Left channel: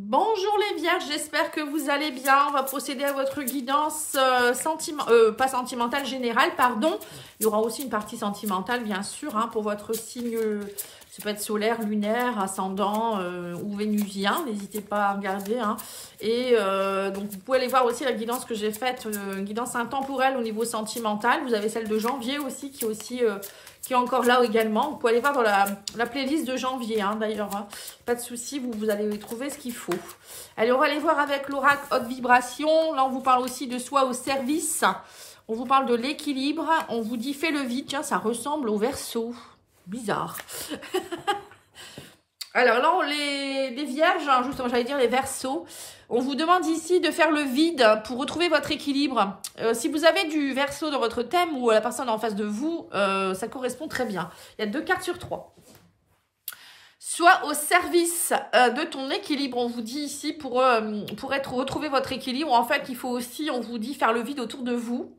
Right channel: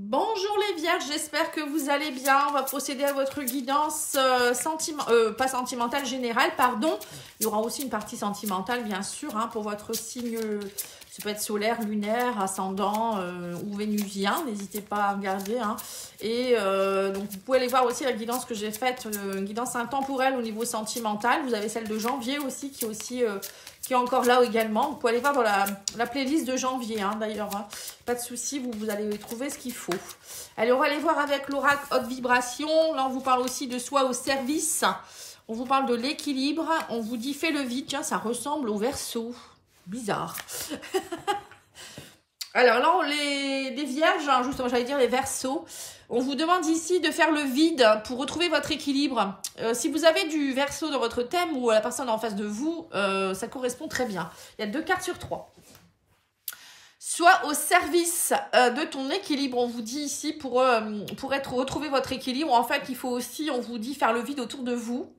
Bonjour les vierges, j'espère que vous allez bien. On va procéder à votre guidance pas sentimentale générale, pardon. Il y aura aussi une partie sentimentale, bien sûr, hein, pour votre signe, ça peut être solaire, lunaire, ascendant ou vénusien. N'hésitez pas à regarder. Hein. Et donc vous pouvez aller voir aussi la guidance que j'ai faite, une guidance intemporelle au niveau sentimental. Vous avez celle de janvier aussi, qui est encore là également. Vous pouvez aller voir dans la playlist de janvier, hein, d'ailleurs, hein. Pas de souci, vous allez y trouver ce qu'il faut. Allez, on va aller voir avec l'oracle haute vibration. Là, on vous parle aussi de soi au service. On vous parle de l'équilibre. On vous dit fais le vide. Tiens, ça ressemble au Verseau. Bizarre. Alors là, les vierges, hein, justement, j'allais dire les Verseaux. On vous demande ici de faire le vide pour retrouver votre équilibre. Si vous avez du Verseau dans votre thème ou la personne en face de vous, ça correspond très bien. Il y a 2 cartes sur 3. Soit au service de ton équilibre, on vous dit ici, pour retrouver votre équilibre. En fait, il faut aussi, on vous dit, faire le vide autour de vous.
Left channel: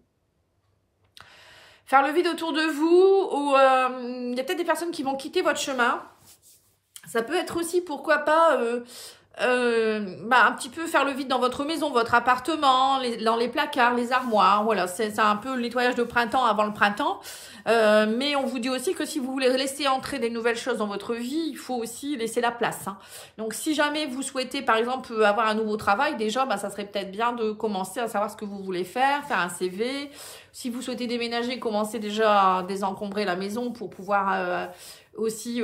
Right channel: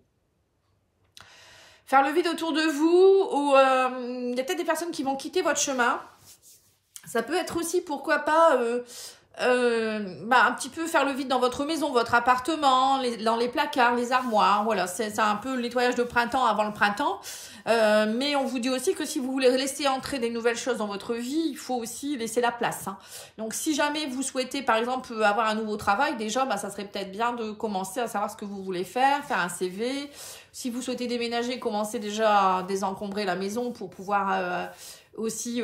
Faire le vide autour de vous, ou il y a peut-être des personnes qui vont quitter votre chemin. Ça peut être aussi, pourquoi pas, un petit peu faire le vide dans votre maison, votre appartement, dans les placards, les armoires. Voilà, c'est un peu le nettoyage de printemps avant le printemps. Mais on vous dit aussi que si vous voulez laisser entrer des nouvelles choses dans votre vie, il faut aussi laisser la place. Hein. Donc si jamais vous souhaitez par exemple avoir un nouveau travail, déjà ça serait peut-être bien de commencer à savoir ce que vous voulez faire un CV. Si vous souhaitez déménager, commencez déjà à désencombrer la maison pour pouvoir aussi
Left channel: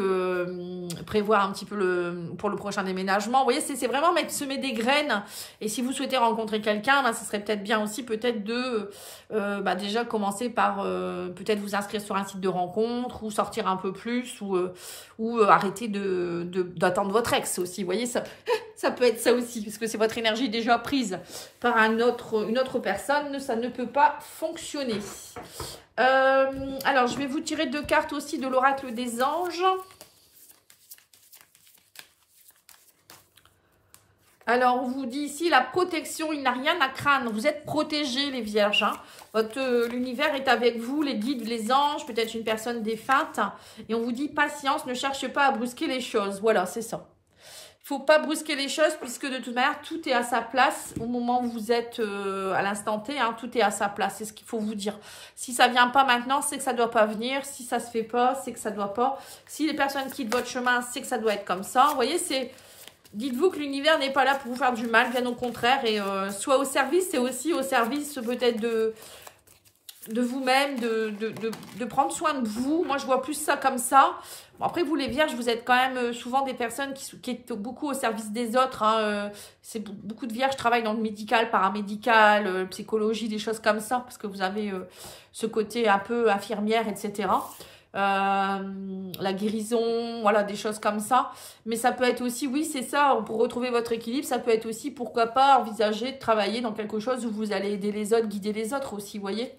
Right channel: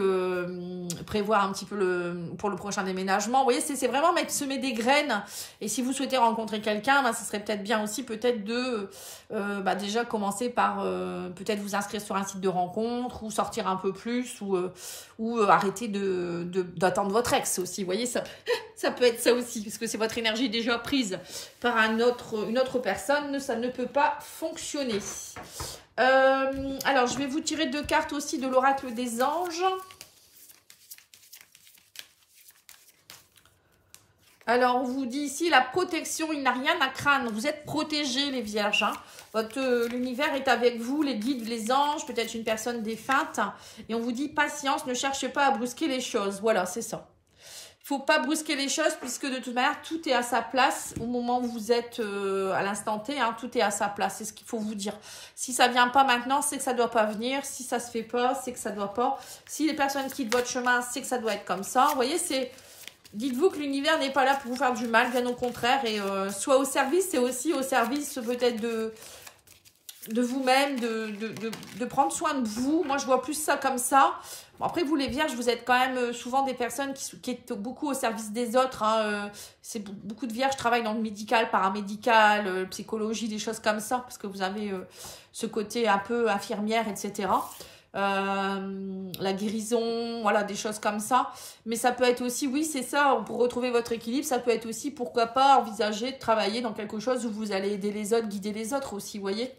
prévoir un petit peu pour le prochain déménagement. Vous voyez, c'est vraiment semer des graines. Et si vous souhaitez rencontrer quelqu'un, ce serait peut-être bien aussi peut-être de déjà commencer par peut-être vous inscrire sur un site de rencontre ou sortir un peu plus ou arrêter d'attendre votre ex aussi. Vous voyez, ça peut être ça aussi, parce que c'est votre énergie déjà prise par une autre personne, ça ne peut pas fonctionner. Alors, je vais vous tirer 2 cartes aussi de l'oracle des anges. Alors, on vous dit ici la protection, il n'a rien à craindre. Vous êtes protégés, les vierges. Hein. L'univers est avec vous, les guides, les anges, peut-être une personne défunte. Et on vous dit patience, ne cherchez pas à brusquer les choses. Voilà, c'est ça. Il ne faut pas brusquer les choses puisque de toute manière, tout est à sa place au moment où vous êtes à l'instant T. Hein, tout est à sa place, c'est ce qu'il faut vous dire. Si ça ne vient pas maintenant, c'est que ça ne doit pas venir. Si ça ne se fait pas, c'est que ça ne doit pas. Si les personnes quittent votre chemin, c'est que ça doit être comme ça. Vous voyez, dites-vous que l'univers n'est pas là pour vous faire du mal, bien au contraire. Et soit au service, c'est aussi au service peut-être de vous-même, de prendre soin de vous. Moi, je vois plus ça comme ça. Bon, après, vous les vierges, vous êtes quand même souvent des personnes qui êtes beaucoup au service des autres. Hein. Beaucoup de vierges travaillent dans le médical, paramédical, psychologie, des choses comme ça, parce que vous avez ce côté un peu infirmière, etc. La guérison, voilà, des choses comme ça. Mais ça peut être aussi, oui, c'est ça, pour retrouver votre équilibre, ça peut être aussi, pourquoi pas, envisager de travailler dans quelque chose où vous allez aider les autres, guider les autres aussi, vous voyez.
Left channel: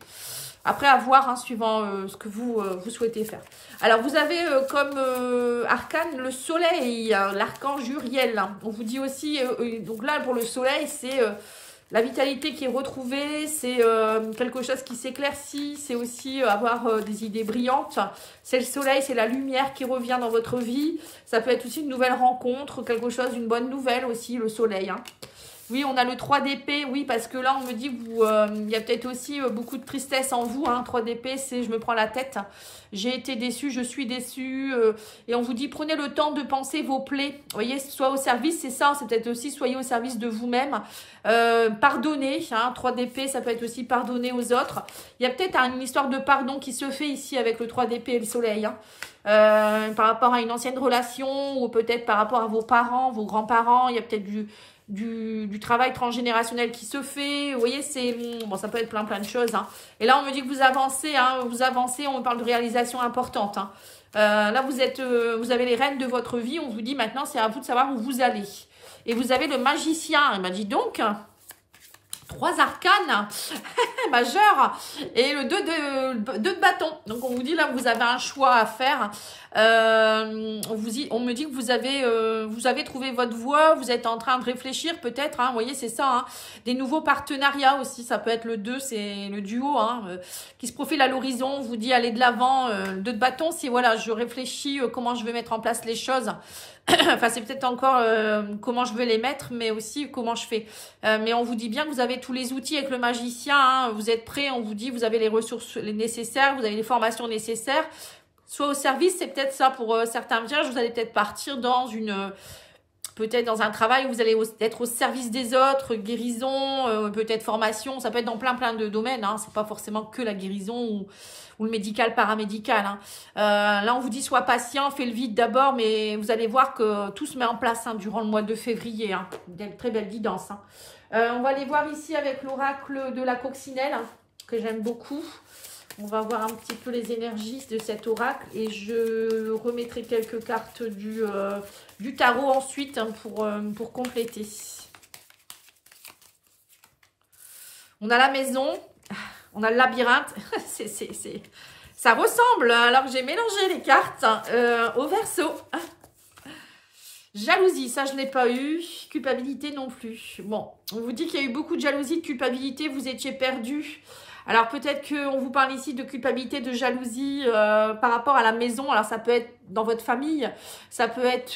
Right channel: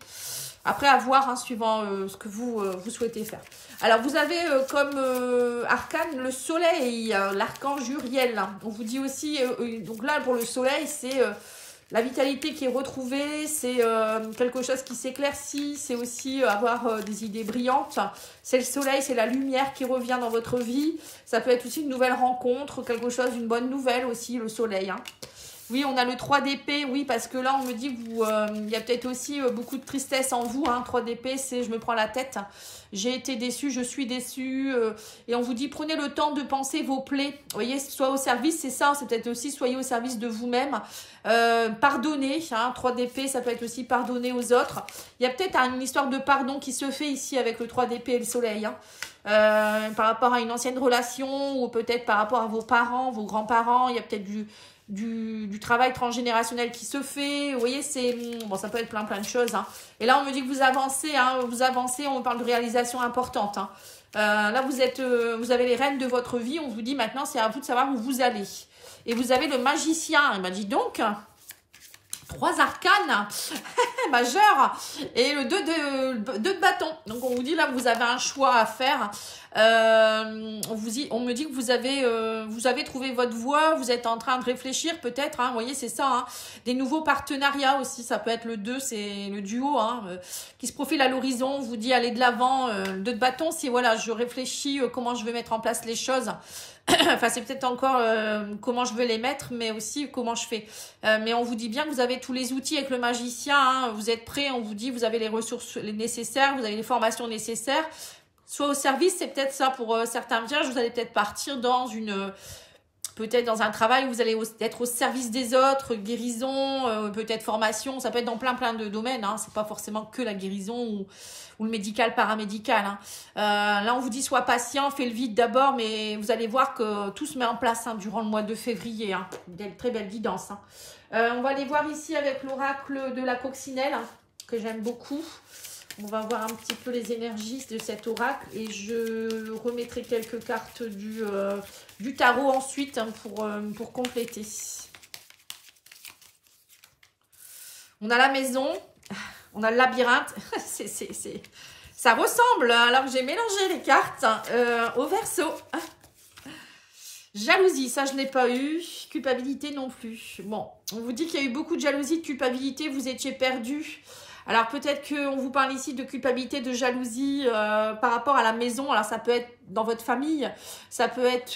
Après, à voir, hein, suivant ce que vous souhaitez faire. Alors, vous avez comme arcane le soleil, l'archange Uriel. On vous dit aussi, donc là, pour le soleil, c'est la vitalité qui est retrouvée, c'est quelque chose qui s'éclaircit, c'est aussi avoir des idées brillantes. C'est le soleil, c'est la lumière qui revient dans votre vie. Ça peut être aussi une nouvelle rencontre, quelque chose, une bonne nouvelle aussi, le soleil. Hein. Oui, on a le 3 d'épée, oui, parce que là, on me dit qu'il y a peut-être aussi beaucoup de tristesse en vous. Hein. 3 d'épée, c'est je me prends la tête. J'ai été déçue, je suis déçue. Et on vous dit, prenez le temps de penser vos plaies. Vous voyez, soit au service, c'est ça. C'est peut-être aussi, soyez au service de vous-même. Pardonnez. Hein. 3 d'épée, ça peut être aussi pardonner aux autres. Il y a peut-être une histoire de pardon qui se fait ici avec le 3 d'épée et le soleil. Hein. Par rapport à une ancienne relation ou peut-être par rapport à vos parents, vos grands-parents. Il y a peut-être du travail transgénérationnel qui se fait, vous voyez, ça peut être plein de choses. Hein. Et là, on me dit que vous avancez, hein, on parle de réalisation importante. Hein. Là, vous avez les rênes de votre vie, on vous dit maintenant, c'est à vous de savoir où vous allez. Et vous avez le magicien, il m'a dit donc, 3 arcanes majeurs et le 2 de bâton. Donc, on vous dit là, vous avez un choix à faire. On me dit que vous avez trouvé votre voie, vous êtes en train de réfléchir peut-être, hein, vous voyez, c'est ça, hein, des nouveaux partenariats aussi, ça peut être le 2, c'est le duo, hein, qui se profile à l'horizon, on vous dit allez de l'avant, 2 de bâton, si voilà, je réfléchis comment je vais mettre en place les choses. Enfin, c'est peut-être encore comment je veux les mettre, mais aussi comment je fais. Mais on vous dit bien que vous avez tous les outils avec le magicien, hein, vous êtes prêts, on vous dit vous avez les ressources nécessaires, vous avez les formations nécessaires. Soit au service, c'est peut-être ça pour certains vierges, vous allez peut-être partir dans peut-être dans un travail où vous allez être au service des autres, guérison, peut-être formation, ça peut être dans plein de domaines, hein, c'est pas forcément que la guérison ou le médical, paramédical. Hein. Là, on vous dit sois patient, fais le vide d'abord, mais vous allez voir que tout se met en place hein, durant le mois de février. Hein. Très belle guidance. Hein. On va aller voir ici avec l'oracle de la coccinelle, hein, que j'aime beaucoup. On va voir un petit peu les énergies de cet oracle et je remettrai quelques cartes du tarot ensuite hein, pour compléter. On a la maison, on a le labyrinthe, ça ressemble, alors j'ai mélangé les cartes au Verseau. Jalousie, ça je ne l'ai pas eu, culpabilité non plus. Bon, on vous dit qu'il y a eu beaucoup de jalousie, de culpabilité, vous étiez perdu. Alors peut-être qu'on vous parle ici de culpabilité, de jalousie par rapport à la maison. Alors ça peut être dans votre famille, ça peut être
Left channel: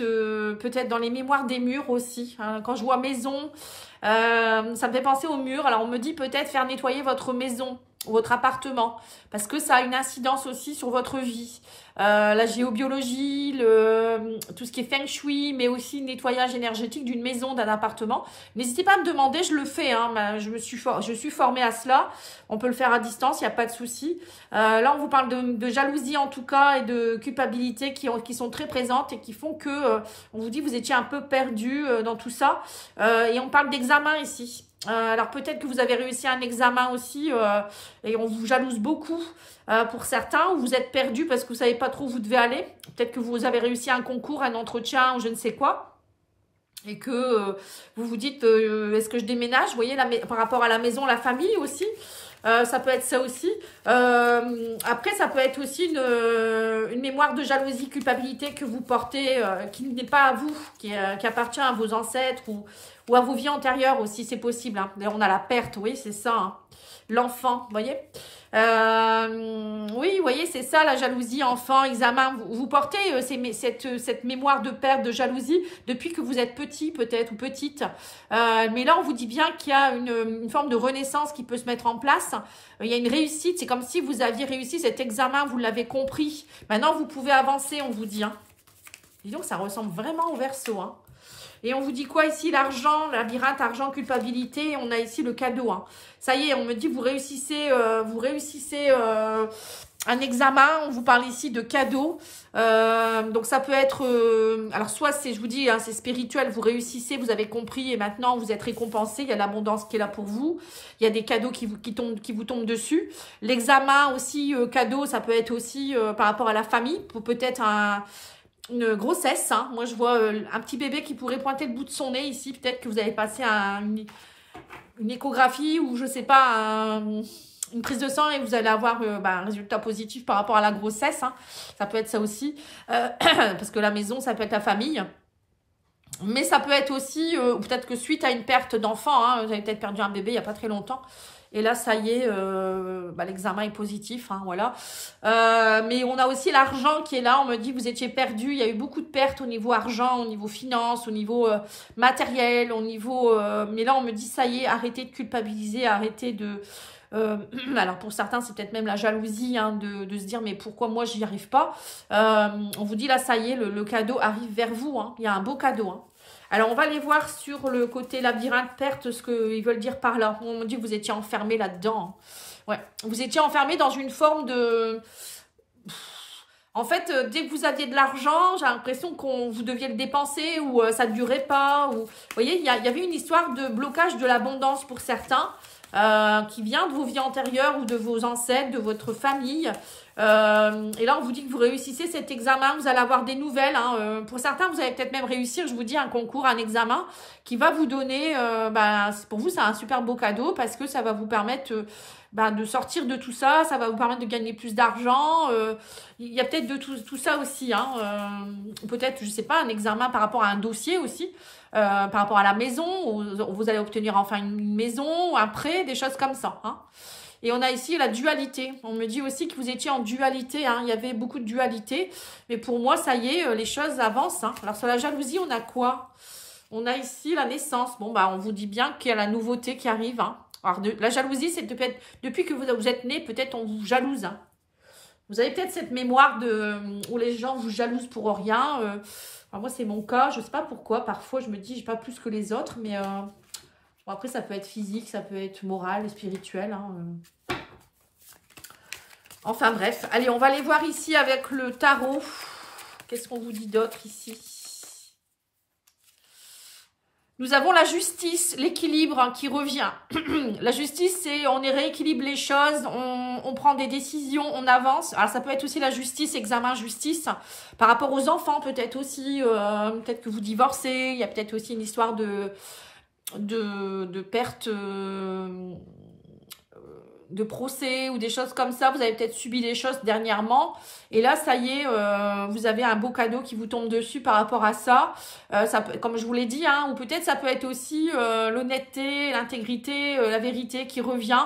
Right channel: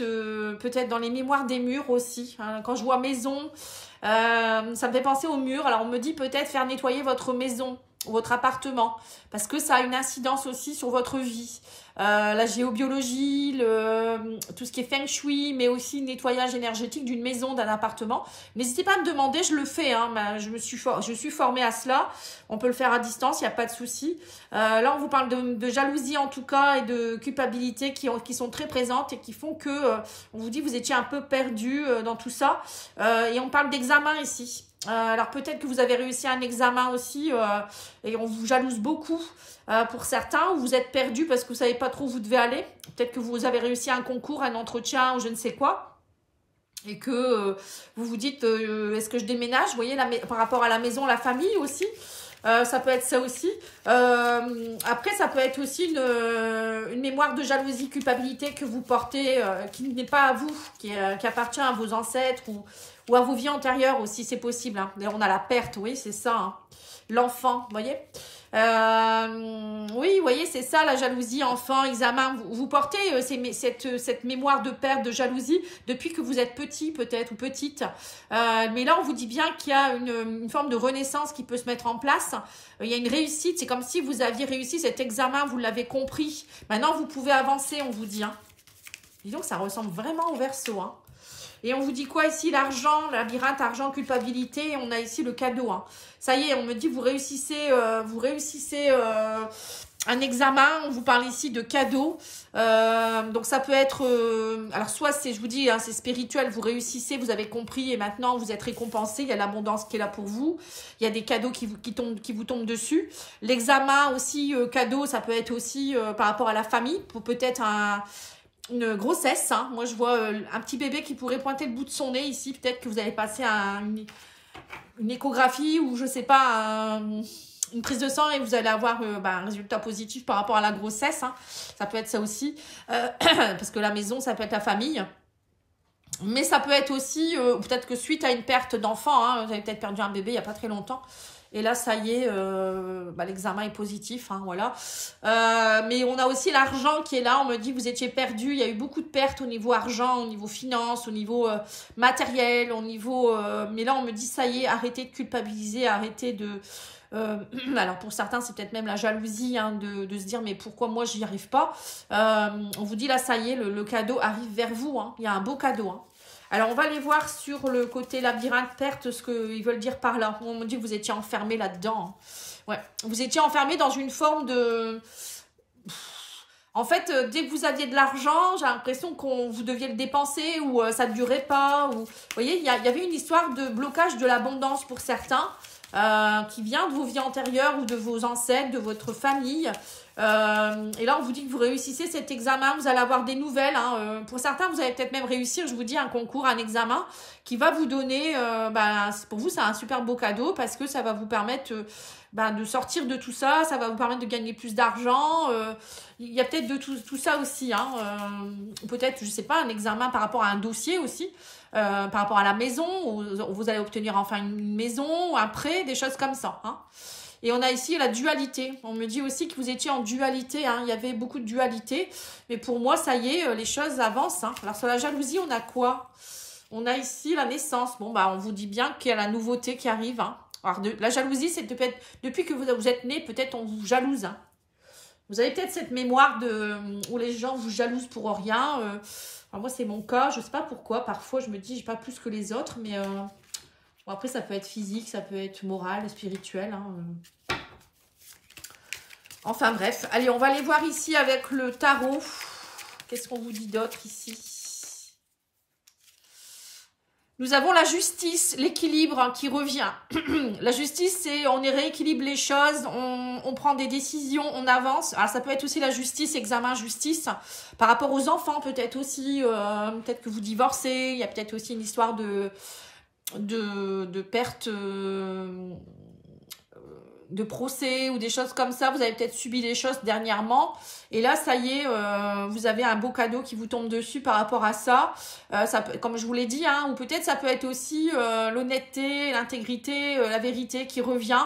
peut-être dans les mémoires des murs aussi. Hein. Quand je vois maison, ça me fait penser aux murs. Alors on me dit peut-être faire nettoyer votre maison, votre appartement, parce que ça a une incidence aussi sur votre vie. La géobiologie, tout ce qui est feng shui, mais aussi le nettoyage énergétique d'une maison, d'un appartement. N'hésitez pas à me demander, je le fais, hein, je suis formée à cela. On peut le faire à distance, il n'y a pas de souci. Là, on vous parle de jalousie en tout cas et de culpabilité qui sont très présentes et qui font que, on vous dit, vous étiez un peu perdu dans tout ça. Et on parle d'examen ici. Alors peut-être que vous avez réussi un examen aussi et on vous jalouse beaucoup pour certains, ou vous êtes perdu parce que vous ne savez pas trop où vous devez aller. Peut-être que vous avez réussi un concours, un entretien, je ne sais quoi. Et que vous vous dites, est-ce que je déménage? Vous voyez, par rapport à la maison, la famille aussi. Ça peut être ça aussi. Après, ça peut être aussi une mémoire de jalousie, culpabilité que vous portez, qui n'est pas à vous, qui appartient à vos ancêtres ou à vos vies antérieures aussi, c'est possible. Hein. D'ailleurs, on a la perte, oui, c'est ça. Hein. L'enfant, vous voyez. Oui, vous voyez, c'est ça, la jalousie, enfant, examen. Vous portez cette mémoire de perte, de jalousie, depuis que vous êtes petit, peut-être, ou petite. Mais là, on vous dit bien qu'il y a une forme de renaissance qui peut se mettre en place. Il y a une réussite, c'est comme si vous aviez réussi cet examen, vous l'avez compris. Maintenant, vous pouvez avancer, on vous dit. Hein. Dis donc, ça ressemble vraiment au Verseau, hein. Et on vous dit quoi ici? L'argent, labyrinthe, argent, culpabilité. On a ici le cadeau. Hein. Ça y est, on me dit que vous réussissez un examen. On vous parle ici de cadeau. Donc ça peut être... alors soit c'est, je vous dis, hein, c'est spirituel. Vous réussissez, vous avez compris et maintenant vous êtes récompensé. Il y a l'abondance qui est là pour vous. Il y a des cadeaux qui vous tombent dessus. L'examen aussi, cadeau, ça peut être aussi par rapport à la famille. Peut-être une grossesse, hein. Moi je vois un petit bébé qui pourrait pointer le bout de son nez ici, peut-être que vous avez passé une échographie ou je sais pas, une prise de sang et vous allez avoir un résultat positif par rapport à la grossesse, hein. Ça peut être ça aussi, parce que la maison ça peut être la famille. Mais ça peut être aussi, peut-être que suite à une perte d'enfant, hein, vous avez peut-être perdu un bébé il n'y a pas très longtemps. Et là, ça y est, l'examen est positif, hein, voilà. Mais on a aussi l'argent qui est là. On me dit que vous étiez perdu. Il y a eu beaucoup de pertes au niveau argent, au niveau finance, au niveau matériel, au niveau... mais là, on me dit, ça y est, arrêtez de culpabiliser, arrêtez de... alors pour certains, c'est peut-être même la jalousie hein, de se dire, mais pourquoi moi, j'y arrive pas. On vous dit, là, ça y est, le cadeau arrive vers vous. Hein. Il y a un beau cadeau, hein. Alors, on va aller voir sur le côté labyrinthe perte ce qu'ils veulent dire par là. On me dit que vous étiez enfermé là-dedans. Ouais, vous étiez enfermé dans une forme de... En fait, dès que vous aviez de l'argent, j'ai l'impression que vous deviez le dépenser ou ça ne durait pas. Ou... Vous voyez, il y avait une histoire de blocage de l'abondance pour certains. qui vient de vos vies antérieures ou de vos ancêtres, de votre famille. Et là, on vous dit que vous réussissez cet examen, vous allez avoir des nouvelles. Hein. Pour certains, vous allez peut-être même réussir, je vous dis, un concours, un examen qui va vous donner, pour vous, c'est un super beau cadeau parce que ça va vous permettre de sortir de tout ça, ça va vous permettre de gagner plus d'argent. Il y a peut-être de tout ça aussi. Hein. Peut-être, je ne sais pas, un examen par rapport à un dossier aussi. Par rapport à la maison, vous allez obtenir enfin une maison, un prêt, des choses comme ça. Hein. Et on a ici la dualité. On me dit aussi que vous étiez en dualité. Hein. Il y avait beaucoup de dualité. Mais pour moi, ça y est, les choses avancent. Hein. Alors sur la jalousie, on a quoi? On a ici la naissance. Bon, on vous dit bien qu'il y a la nouveauté qui arrive. Hein. Alors la jalousie, c'est depuis que vous êtes né, peut-être on vous jalouse. Hein. Vous avez peut-être cette mémoire où les gens vous jalousent pour rien. Alors moi, c'est mon cas. Je ne sais pas pourquoi. Parfois, je me dis, je n'ai pas plus que les autres. Mais bon, après, ça peut être physique, ça peut être moral et spirituel. Hein. Enfin, bref. Allez, on va aller voir ici avec le tarot. Qu'est-ce qu'on vous dit d'autre ici? Nous avons la justice, l'équilibre hein, qui revient. La justice, c'est on rééquilibre les choses, on prend des décisions, on avance. Alors, ça peut être aussi la justice, examen justice. Par rapport aux enfants, peut-être aussi, peut-être que vous divorcez. Il y a peut-être aussi une histoire de perte de procès ou des choses comme ça. Vous avez peut-être subi des choses dernièrement. Et là, ça y est, vous avez un beau cadeau qui vous tombe dessus par rapport à ça. Comme je vous l'ai dit, hein, ou peut-être ça peut être aussi l'honnêteté, l'intégrité, la vérité qui revient.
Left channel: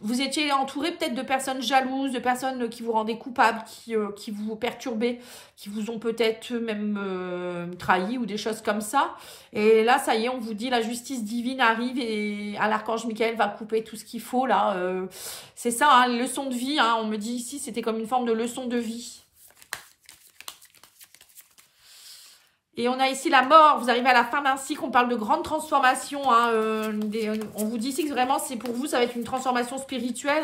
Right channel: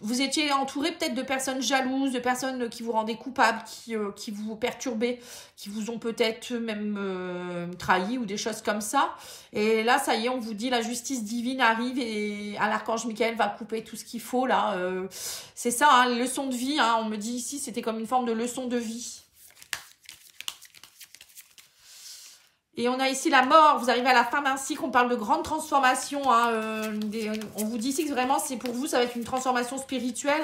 Vous étiez entouré peut-être de personnes jalouses, de personnes qui vous rendaient coupable, qui vous perturbaient, qui vous ont peut-être même trahi ou des choses comme ça. Et là, ça y est, on vous dit la justice divine arrive et l'archange Michael va couper tout ce qu'il faut là. C'est ça, hein, leçon de vie. Hein, on me dit ici, c'était comme une forme de leçon de vie. Et on a ici la mort, vous arrivez à la fin d'un cycle, on parle de grande transformation. Hein, on vous dit ici que vraiment, c'est pour vous, ça va être une transformation spirituelle,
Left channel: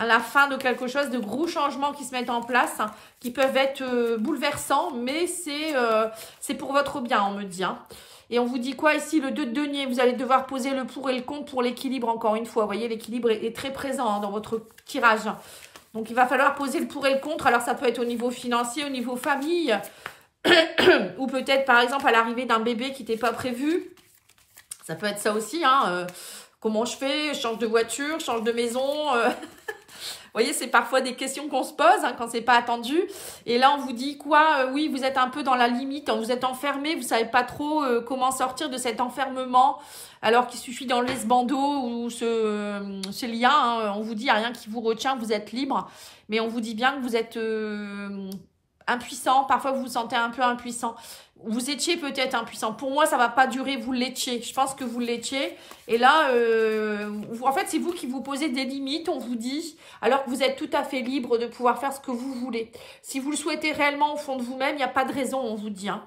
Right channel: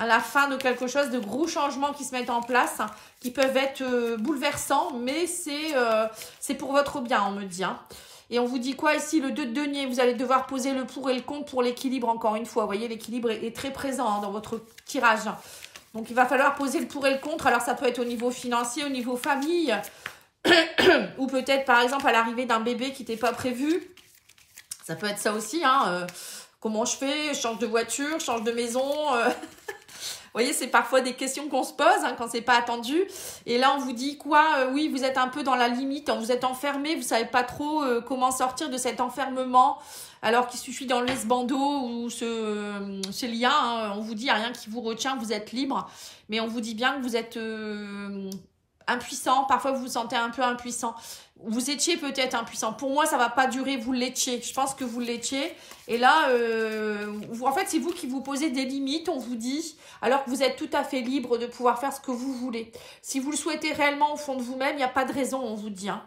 à la fin de quelque chose, de gros changements qui se mettent en place, qui peuvent être bouleversants, mais c'est pour votre bien, on me dit. Hein. Et on vous dit quoi ici? Le 2 de denier, vous allez devoir poser le pour et le contre pour l'équilibre, encore une fois. Vous voyez, l'équilibre est très présent hein, dans votre tirage. Donc, il va falloir poser le pour et le contre. Alors, ça peut être au niveau financier, au niveau famille, ou peut-être par exemple à l'arrivée d'un bébé qui n'était pas prévu. Ça peut être ça aussi. Hein, comment je fais? Je change de voiture, je change de maison. Vous voyez, c'est parfois des questions qu'on se pose hein, quand c'est pas attendu. Et là, on vous dit quoi? Oui, vous êtes un peu dans la limite. Vous êtes enfermé. Vous savez pas trop comment sortir de cet enfermement. Alors qu'il suffit d'enlever ce bandeau ou ce lien. Hein, on vous dit, il n'y a rien qui vous retient. Vous êtes libre. Mais on vous dit bien que vous êtes impuissant. Parfois, vous vous sentez un peu impuissant. Vous étiez peut-être impuissant. Pour moi, ça ne va pas durer. Vous l'étiez. Je pense que vous l'étiez. Et là, en fait, c'est vous qui vous posez des limites, on vous dit, alors que vous êtes tout à fait libre de pouvoir faire ce que vous voulez. Si vous le souhaitez réellement au fond de vous-même, il n'y a pas de raison, on vous dit. Hein.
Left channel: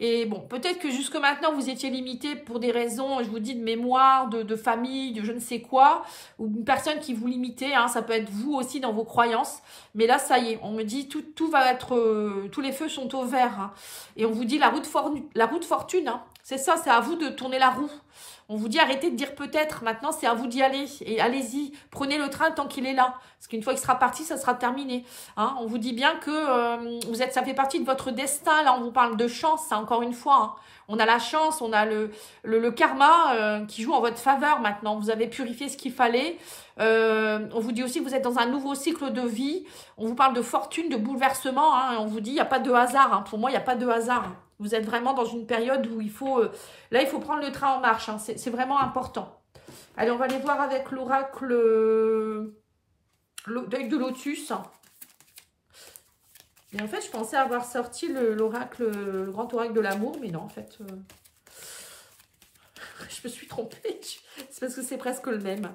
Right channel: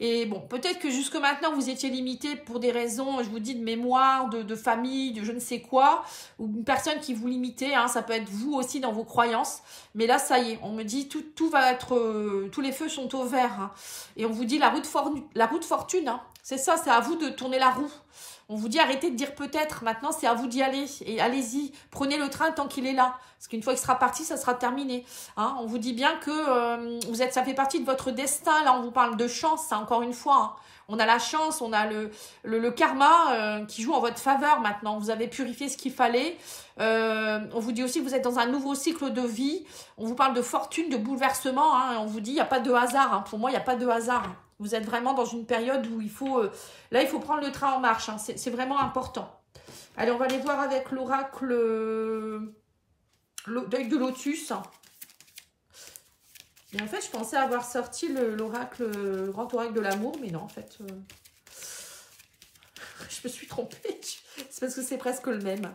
Et bon, peut-être que jusque maintenant, vous étiez limité pour des raisons, je vous dis, de mémoire, de famille, de je ne sais quoi, ou une personne qui vous limitait, hein, ça peut être vous aussi dans vos croyances. Mais là, ça y est, on me dit, tout va être, tous les feux sont au vert. Hein. Et on vous dit, la route fortune, hein, c'est ça, c'est à vous de tourner la roue. On vous dit arrêtez de dire peut-être, maintenant c'est à vous d'y aller. Et allez-y, prenez le train tant qu'il est là. Parce qu'une fois qu'il sera parti, ça sera terminé. Hein, on vous dit bien que ça fait partie de votre destin. Là, on vous parle de chance, hein, encore une fois. Hein. On a la chance, on a le karma qui joue en votre faveur maintenant. Vous avez purifié ce qu'il fallait. On vous dit aussi que vous êtes dans un nouveau cycle de vie. On vous parle de fortune, de bouleversement. Hein, on vous dit il n'y a pas de hasard. Hein. Pour moi, il n'y a pas de hasard. Vous être vraiment dans une période où il faut prendre le train en marche. Hein. C'est vraiment important. Allez, on va aller voir avec l'oracle d'œil de lotus. Et en fait, je pensais avoir sorti l'oracle, le grand oracle de l'amour, mais non, en fait, je me suis trompée. C'est parce que c'est presque le même.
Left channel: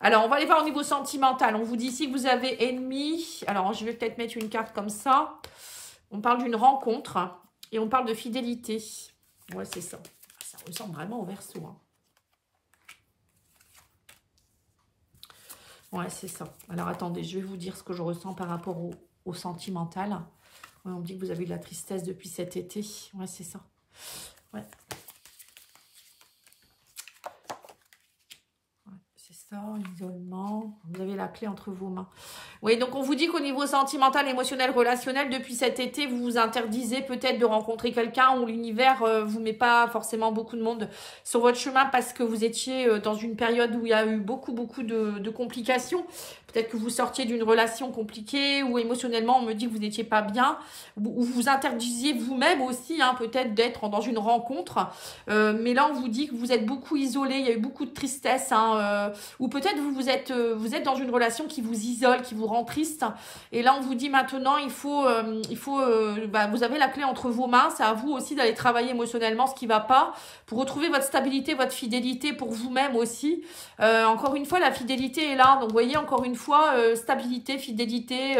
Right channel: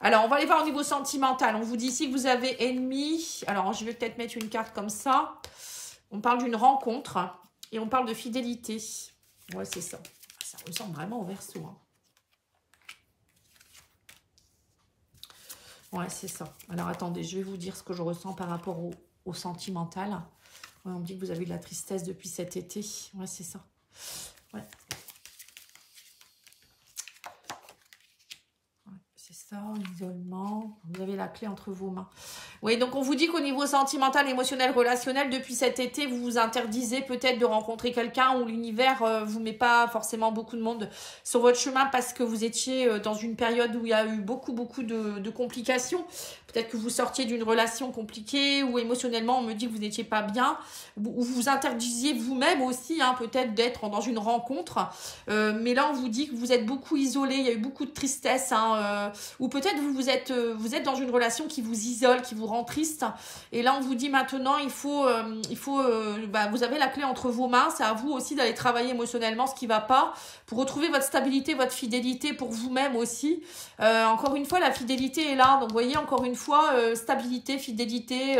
Alors, on va aller voir au niveau sentimental. On vous dit ici que vous avez ennemi. Alors, je vais peut-être mettre une carte comme ça. On parle d'une rencontre. Et on parle de fidélité. Ouais, c'est ça. Ça ressemble vraiment au Verseau. Hein. Ouais, c'est ça. Alors, attendez, je vais vous dire ce que je ressens par rapport au sentimental. On me dit que vous avez de la tristesse depuis cet été. Ouais, c'est ça. Ouais. Ouais, c'est ça. ça, isolement. Vous avez la clé entre vos mains. Oui, donc on vous dit qu'au niveau sentimental, émotionnel, relationnel, depuis cet été, vous vous interdisez peut-être de rencontrer quelqu'un où l'univers vous met pas forcément beaucoup de monde sur votre chemin parce que vous étiez dans une période où il y a eu beaucoup de complications. Peut-être que vous sortiez d'une relation compliquée ou émotionnellement, on me dit que vous n'étiez pas bien. Ou vous interdisiez vous-même aussi, hein, peut-être d'être dans une rencontre. Mais là, on vous dit que vous êtes beaucoup isolé, il y a eu beaucoup de tristesse. Hein, ou peut-être vous êtes dans une relation qui vous isole, qui vous rend triste. Et là, on vous dit maintenant, vous avez la clé entre vos mains. C'est à vous aussi d'aller travailler émotionnellement ce qui ne va pas pour retrouver votre stabilité, votre fidélité pour vous-même aussi. Encore une fois, la fidélité est là. Donc, vous voyez, encore une fois, stabilité, fidélité,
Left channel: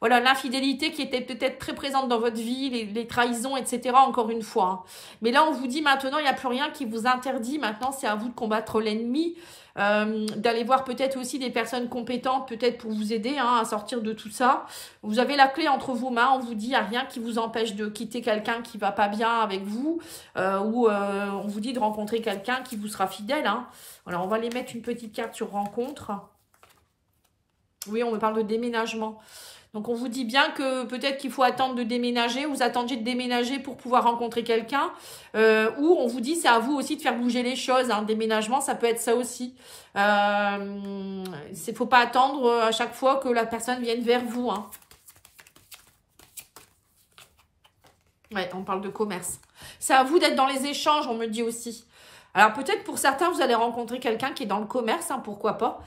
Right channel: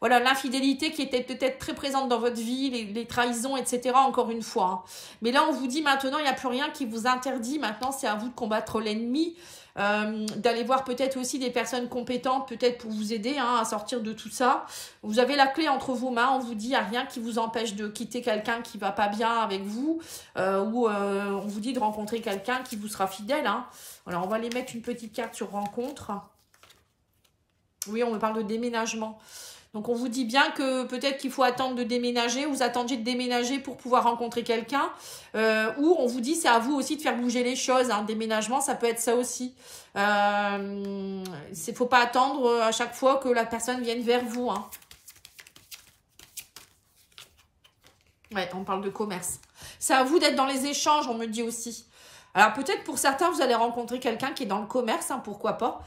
voilà, l'infidélité qui était peut-être très présente dans votre vie, les trahisons, etc. Encore une fois. Hein. Mais là, on vous dit maintenant, il n'y a plus rien qui vous interdit. Maintenant, c'est à vous de combattre l'ennemi, d'aller voir peut-être aussi des personnes compétentes, peut-être pour vous aider hein, à sortir de tout ça. Vous avez la clé entre vos mains. On vous dit, il n'y a rien qui vous empêche de quitter quelqu'un qui ne va pas bien avec vous, ou on vous dit de rencontrer quelqu'un qui vous sera fidèle. Hein. Alors, on va les mettre une petite carte sur rencontre. Oui, on me parle de déménagement. Donc, on vous dit bien que peut-être qu'il faut attendre de déménager. Vous attendiez de déménager pour pouvoir rencontrer quelqu'un. Ou on vous dit, c'est à vous aussi de faire bouger les choses. Un déménagement, ça peut être ça aussi. Il ne faut pas attendre à chaque fois que la personne vienne vers vous. Hein. Ouais, on parle de commerce. C'est à vous d'être dans les échanges, on me dit aussi. Alors, peut-être pour certains, vous allez rencontrer quelqu'un qui est dans le commerce. Hein, pourquoi pas.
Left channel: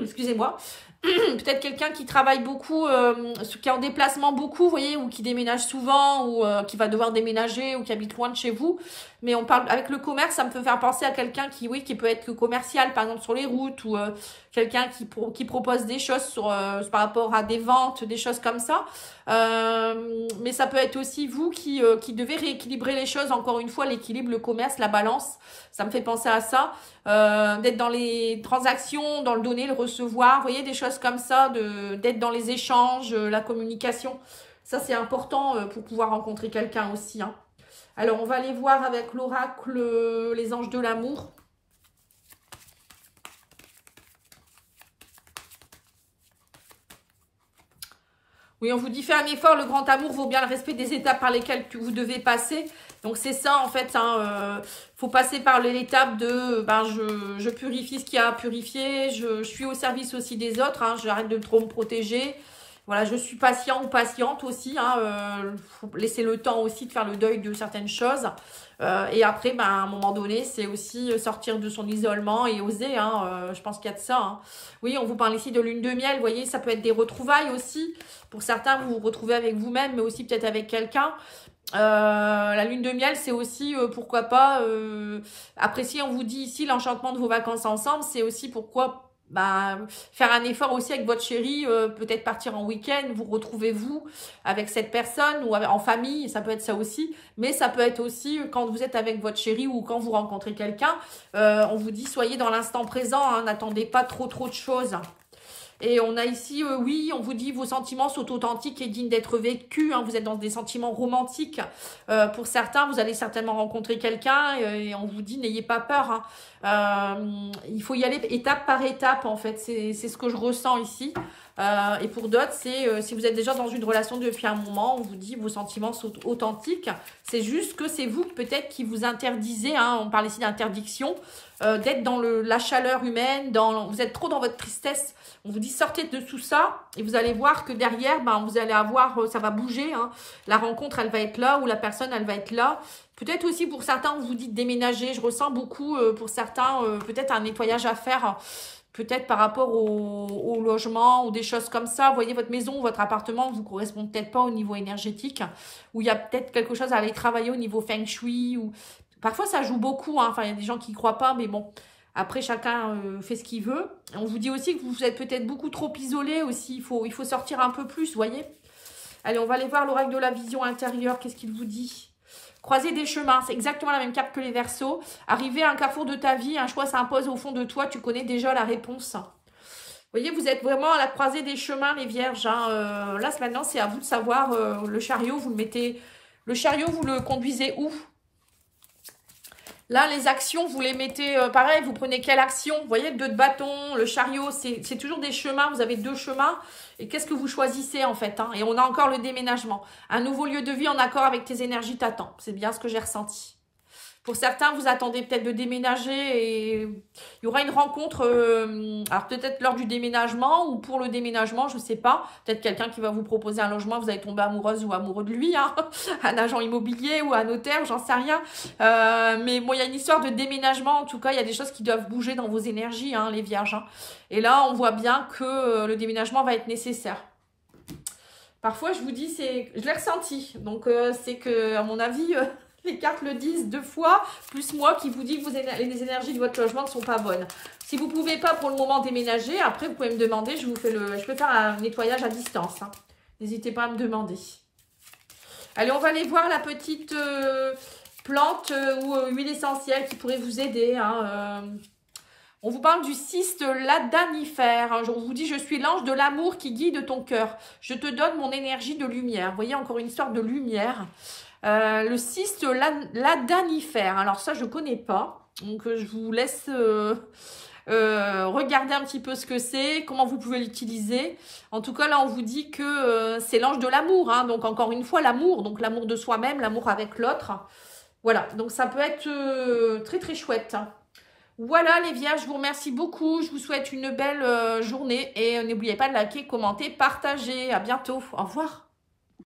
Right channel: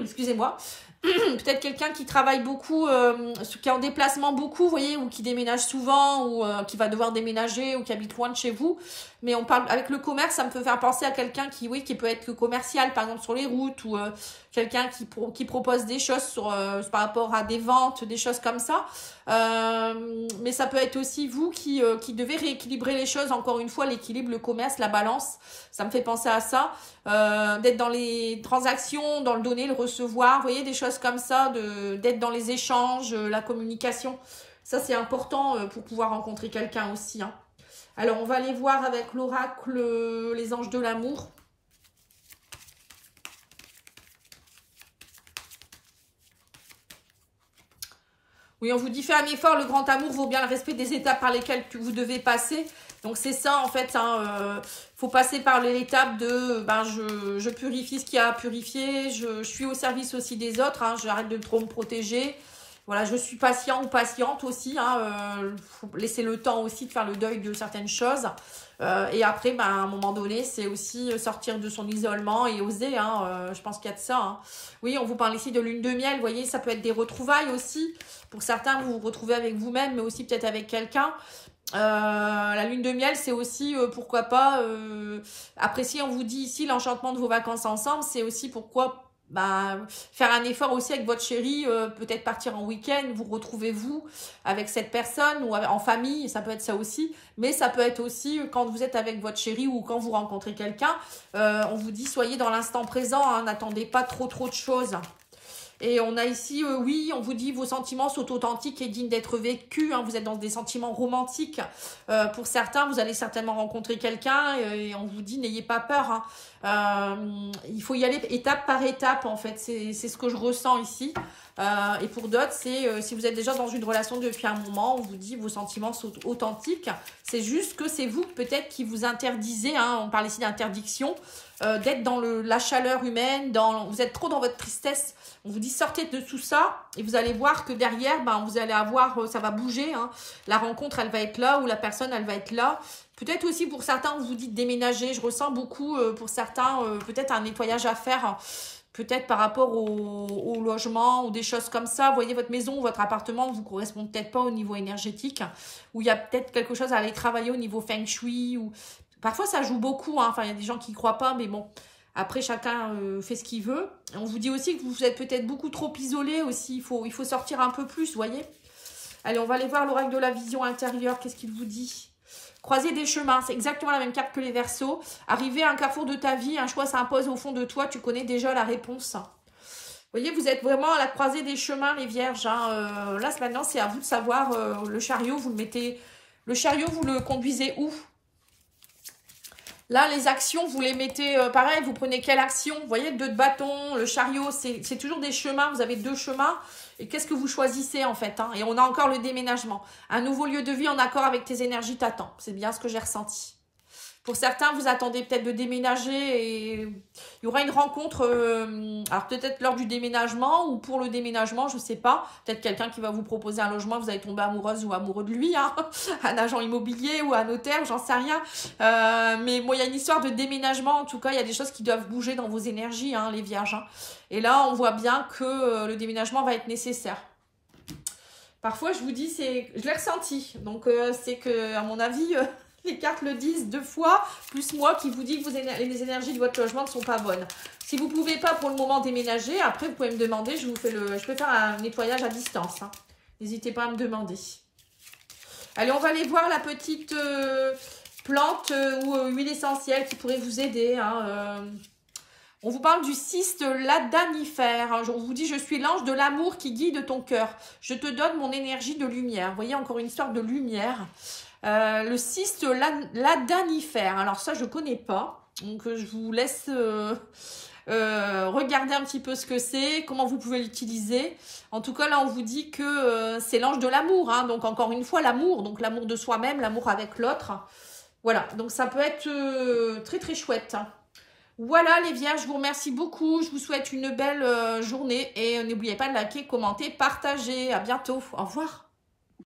Excusez-moi. Peut-être quelqu'un qui travaille beaucoup, qui est en déplacement beaucoup, vous voyez, ou qui déménage souvent, ou qui va devoir déménager, ou qui habite loin de chez vous. Mais on parle avec le commerce, ça me peut faire penser à quelqu'un qui, oui, qui peut être commercial, par exemple sur les routes, ou quelqu'un qui propose des choses par rapport à des ventes, des choses comme ça. Mais ça peut être aussi vous qui devez rééquilibrer les choses. Encore une fois, l'équilibre, le commerce, la balance, ça me fait penser à ça. D'être dans les transactions, dans le donner, le recevoir, vous voyez, des choses comme ça, d'être dans les échanges, la communication. Ça, c'est important pour pouvoir rencontrer quelqu'un aussi. Hein. Alors, on va aller voir avec l'oracle les anges de l'amour. Oui, on vous dit, fais un effort, le grand amour vaut bien le respect des étapes par lesquelles vous devez passer. Donc, c'est ça, en fait, hein, faut passer par l'étape de, je purifie ce qu'il y a à purifier, je suis au service aussi des autres, hein, j'arrête de trop me protéger. Voilà, je suis patient ou patiente aussi, hein, faut laisser le temps aussi de faire le deuil de certaines choses. Et après, à un moment donné, c'est aussi sortir de son isolement et oser. Hein, je pense qu'il y a de ça. Hein. Oui, on vous parle ici de lune de miel. Vous voyez, ça peut être des retrouvailles aussi. Pour certains, vous vous retrouvez avec vous-même, mais aussi peut-être avec quelqu'un. La lune de miel, c'est aussi, pourquoi pas, apprécier, on vous dit ici, l'enchantement de vos vacances ensemble. C'est aussi pourquoi... faire un effort aussi avec votre chéri, peut-être partir en week-end, vous retrouvez-vous avec cette personne ou en famille, ça peut être ça aussi, mais ça peut être aussi quand vous êtes avec votre chéri ou quand vous rencontrez quelqu'un, on vous dit soyez dans l'instant présent, hein, n'attendez pas trop de choses. Et on a ici, oui, on vous dit vos sentiments sont authentiques et dignes d'être vécus. Hein, vous êtes dans des sentiments romantiques. Pour certains, vous allez certainement rencontrer quelqu'un et on vous dit n'ayez pas peur. Hein. Il faut y aller étape par étape, en fait. C'est ce que je ressens ici. Et pour d'autres, c'est si vous êtes déjà dans une relation depuis un moment, on vous dit vos sentiments sont authentiques. C'est juste que c'est vous peut-être qui vous interdisez. Hein, on parle ici d'interdiction. D'être dans la chaleur humaine. Vous êtes trop dans votre tristesse. On vous dit sortez de tout ça et vous allez voir que derrière, vous allez avoir, ça va bouger. Hein. La rencontre, elle va être là ou la personne, elle va être là. Peut-être aussi pour certains, on vous dit de déménager. Je ressens beaucoup pour certains, peut-être un nettoyage à faire. Peut-être par rapport au logement ou des choses comme ça. Vous voyez, votre maison, votre appartement ne vous correspond peut-être pas au niveau énergétique. Ou il y a peut-être quelque chose à aller travailler au niveau feng shui. Ou... Parfois, ça joue beaucoup. Hein. Enfin, il y a des gens qui ne croient pas, mais bon... Après, chacun fait ce qu'il veut. On vous dit aussi que vous êtes peut-être beaucoup trop isolé aussi. Il faut sortir un peu plus, vous voyez. Allez, on va aller voir l'oracle de la vision intérieure. Qu'est-ce qu'il vous dit? Croiser des chemins, c'est exactement la même carte que les Verseaux. Arriver à un carrefour de ta vie, un choix s'impose au fond de toi. Tu connais déjà la réponse. Vous voyez, vous êtes vraiment à la croisée des chemins, les vierges. Hein. Là, maintenant, c'est à vous de savoir. Le chariot, vous le mettez... Le chariot, vous le conduisez où? Là, les actions, vous les mettez, pareil, vous prenez quelle action? Vous voyez, le 2 de bâton, le chariot, c'est toujours des chemins. Vous avez 2 chemins. Et qu'est-ce que vous choisissez, en fait, hein? Et on a encore le déménagement. Un nouveau lieu de vie en accord avec tes énergies t'attend. C'est bien ce que j'ai ressenti. Pour certains, vous attendez peut-être de déménager et il y aura une rencontre, alors peut-être lors du déménagement ou pour le déménagement, je ne sais pas. Peut-être quelqu'un qui va vous proposer un logement, vous allez tomber amoureuse ou amoureux de lui, hein, un agent immobilier ou un notaire, j'en sais rien. Mais bon, il y a une histoire de déménagement, en tout cas, il y a des choses qui doivent bouger dans vos énergies, hein, les vierges. Hein. Et là, on voit bien que le déménagement va être nécessaire. Parfois, je vous dis, je l'ai ressenti. Donc, c'est que, à mon avis... les cartes le disent 2 fois, plus moi qui vous dis que les énergies de votre logement ne sont pas bonnes. Si vous ne pouvez pas pour le moment déménager, après vous pouvez me demander, je peux faire un nettoyage à distance. Hein. N'hésitez pas à me demander. Allez, on va aller voir la petite plante ou huile essentielle qui pourrait vous aider. Hein, On vous parle du cyste ladanifère. Hein. Je vous dis, je suis l'ange de l'amour qui guide ton cœur. Je te donne mon énergie de lumière. Vous voyez, encore une histoire de lumière. Le cyste ladanifère, alors ça je ne connais pas, donc je vous laisse regarder un petit peu ce que c'est, comment vous pouvez l'utiliser. En tout cas là on vous dit que c'est l'ange de l'amour, hein, donc encore une fois l'amour, donc l'amour de soi-même, l'amour avec l'autre. Voilà, donc ça peut être très très chouette. Voilà les vierges, je vous remercie beaucoup, je vous souhaite une belle journée et n'oubliez pas de liker, commenter, partager. À bientôt, au revoir.